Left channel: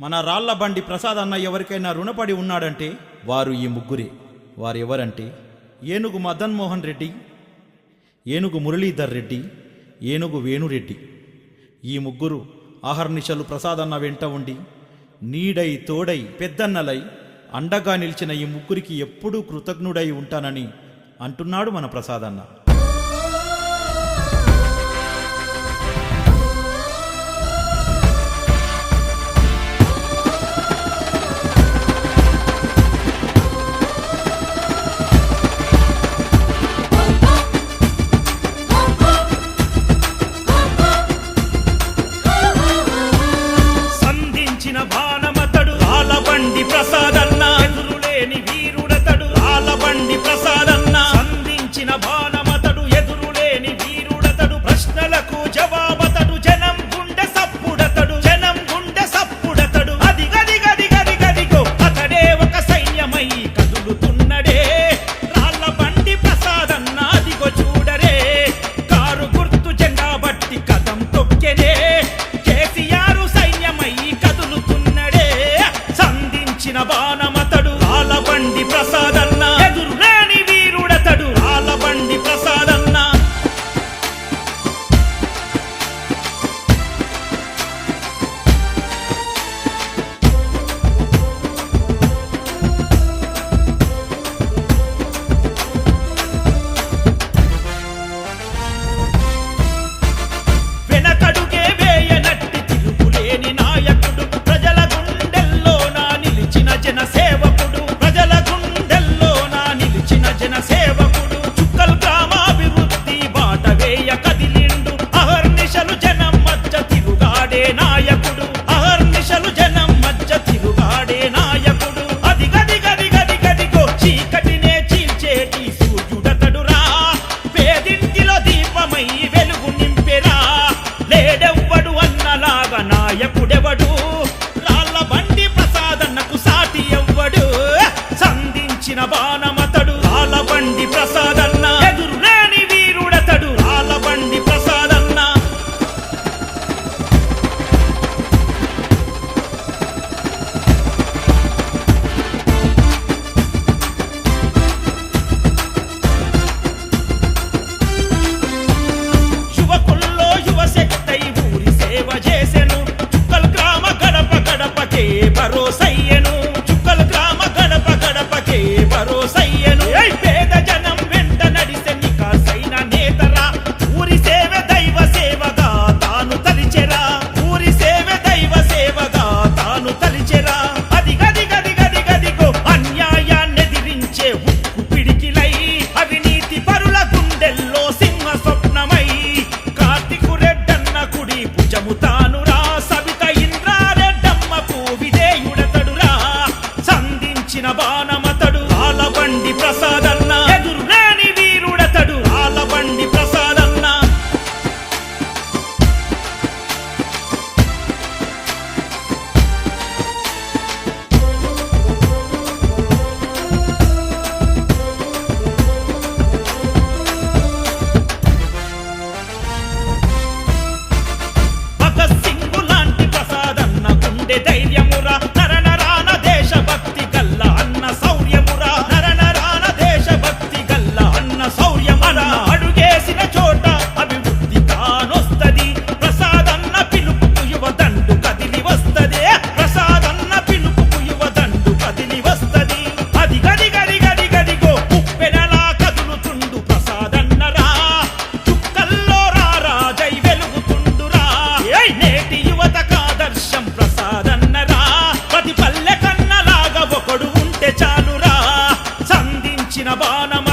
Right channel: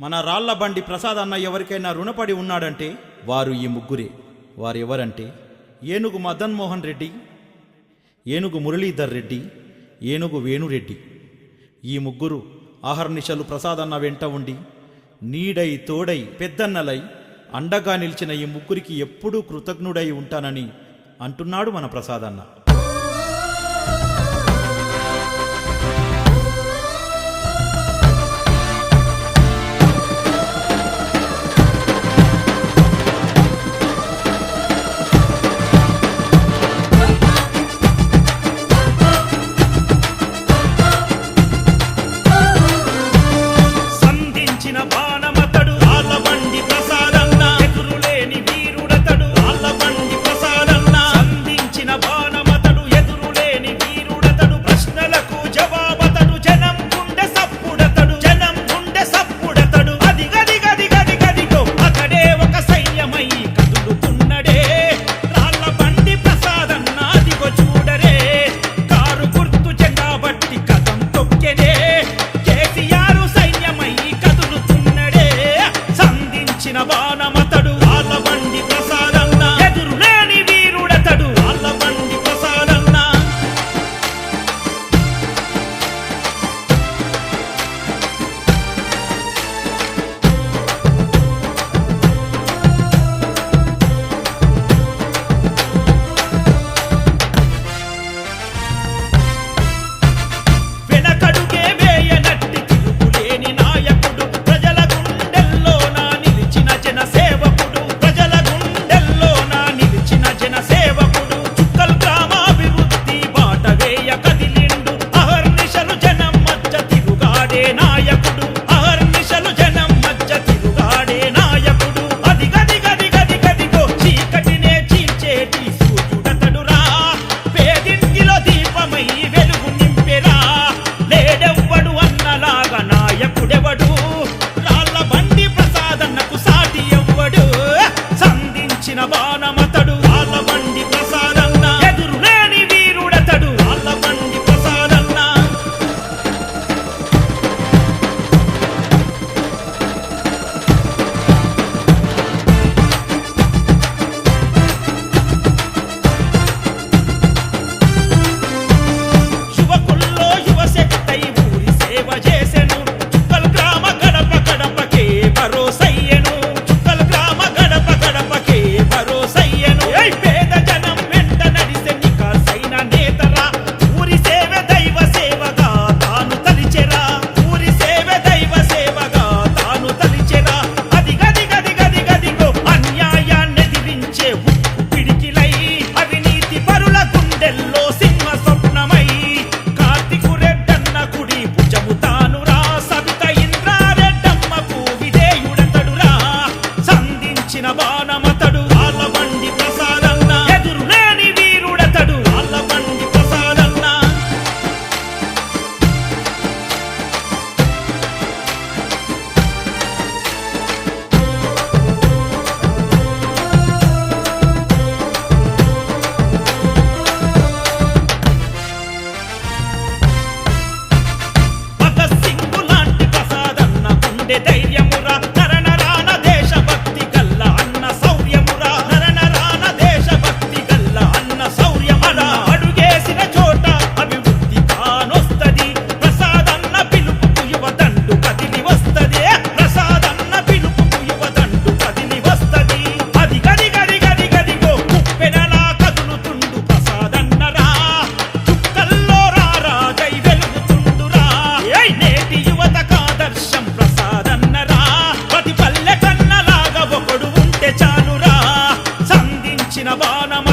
మన రాళ్లబండి ప్రసాద్ అన్న ఎవరికైనా రుణపడి ఉన్నాడంటే వారు ఈ ముగ్గురే. వారెవరంటే ఏనుగు మదన్ మోహన్ రెడ్డి, ఏనుగు మురళీధర్ రెడ్డి, ఏనుగు వేణురెడ్డి. ఈ ముగ్గురు ఆహర్నిశలు ప్రసాద్ అన్న వెంట ఉండి నీడై తోడై పెద్దన్నలై అండగా నిలిచిన ఈ ముగ్గురికి ఎప్పుడూ కృతజ్ఞుడై ఉంటానని అంటున్నాడు మన ప్రసాద్ అన్న. బాణమతడు ఆలబండి ప్రసాదన్న, ఎదురులేని వీరుడతడు ఆలబండి ప్రసాదన్న. సంధించిన బాణమతడు ఎదురులేని వీరుడతడు, ప్రశ్నలకు జవాబతడు, జనం గుండె సప్పుడతడు, జనం గుండె సప్పుడతడు. అది గది గది గది గదిగో అతడే ఒక సైన్యమై కదులుతున్నడే రాళ్లబండి ప్రసాదన్న. అదిగో చూడరే కారు గుర్తు జెండా బట్టి కదం తొక్కెనే కేసీఆర్ సైన్యమై కదులుతున్నడే. సంధించిన బాణమతడు ఆలబండి ప్రసాదన్న, ఎదురులేని వీరుడతడు ఆలబండి ప్రసాదన్న. వెనకడుగే వేయనట్టి తిరుగులేని నాయకుడు, ప్రజల గుండెల్లోన నిలిచిన జన సేవకుడు, ప్రజల గుండెల్లోన నిలిచిన జన సేవకుడు. చుక్కల్ గ్రామాభివృద్ధి బాట వేయ కదిలిండు, అహర్నిశలు జనం మధ్య తిరుగాడే నాయకుడు, అహర్నిశలు జనం మధ్య తిరుగాడే నాయకుడు. అది గది గది గది గదిగో చీకటినే చీల్చేటి సూర్యుడతడురా, పేదింటిలో దీపమై వెలుగు నింపెరా. లేడెవ్వడు అన్నలాగా నాయకుడెవడు, రాళ్లబండి ప్రసాదన్నకు సాటి ఎవ్వడు. సంధించిన బాణమతడు ఆలబండి ప్రసాదన్న, ఎదురులేని వీరుడతడు ఆలబండి ప్రసాదన్న. యువకుల్లో యువశక్తై ఊరి సేవ చేసెను, చుక్కల్ గ్రామ గడప గడపకే భరోసయ్యెను, చుక్కల్ గ్రామ గడప గడపకే భరోసయ్యెను. పేద జనం వెంట నడిసె నికార్సైన నేతరా, ఊరి సేవ దైవ సేవగా తాను తలిచెరా, ఊరి సేవ దైవ సేవగా తాను తలిచెరా. అది గది గది గది గదిగో అన్యాయాన్నెదిరించే ఉక్కు పిడికిలై, అవినీతి పరుల గుండెల్లో సింహ స్వప్నమై, కార్తికు రెడ్డన్న కుడి భుజము తానురా, సబిత ఇంద్రారెడ్డమ్మకు విధేయుడతడురా. సంధించిన బాణమతడు ఆలబండి ప్రసాదన్న, ఎదురులేని వీరుడతడు ఆలబండి ప్రసాదన్న. భగత్ సింగ్ లాంటి ప్రసాదన్న గుండె ధైర్యమురా, నరనరాన దేశభక్తి గల్ల అన్న శౌర్యమురా, నరనరాన దేశభక్తి గల్ల అన్న శౌర్యమురా. అన్న అడుగేసిన చోట అభివృద్ధి కానొస్తది, ప్రసాదన్న పిలుపుకు యువదండు కదిలి వస్తది, ప్రసాదన్న పిలుపుకు యువదండు కదిలి వస్తది. అది గది గది గది గదిగో ముప్పెనలా కదులుతుండు ప్రసాదన్నరా, చుక్కల్లో రారాజై వెలుగుతుండురా. నేటి యువతకు ఆదర్శం ప్రసాదన్నరా, ప్రతి పల్లె కన్నలాగా ఒకడు ఉంటే చాలురా. సంధించిన బాణమ